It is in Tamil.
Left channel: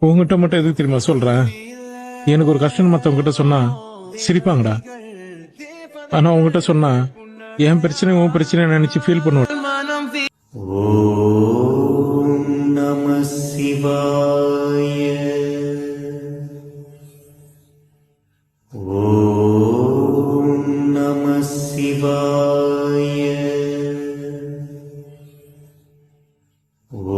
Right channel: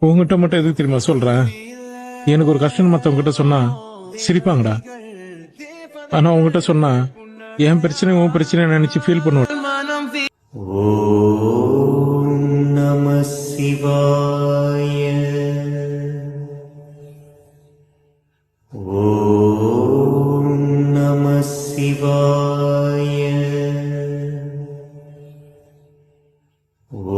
உங்ககிட்ட மட்டும் எதுக்கு தெரியுமா சொல்றேன்? எனக்கு ஒரு கஷ்டம் மற்றவங்ககிட்ட சொன்னா சிரிப்பாங்கடா. ஆனா உங்ககிட்ட சொன்னா என் பிரச்சனை உன் பிரச்சனை நினைச்சு ஃபீல் பண்ணுவேன். நம சிவாய. ஓம் நம சிவாய. ஓ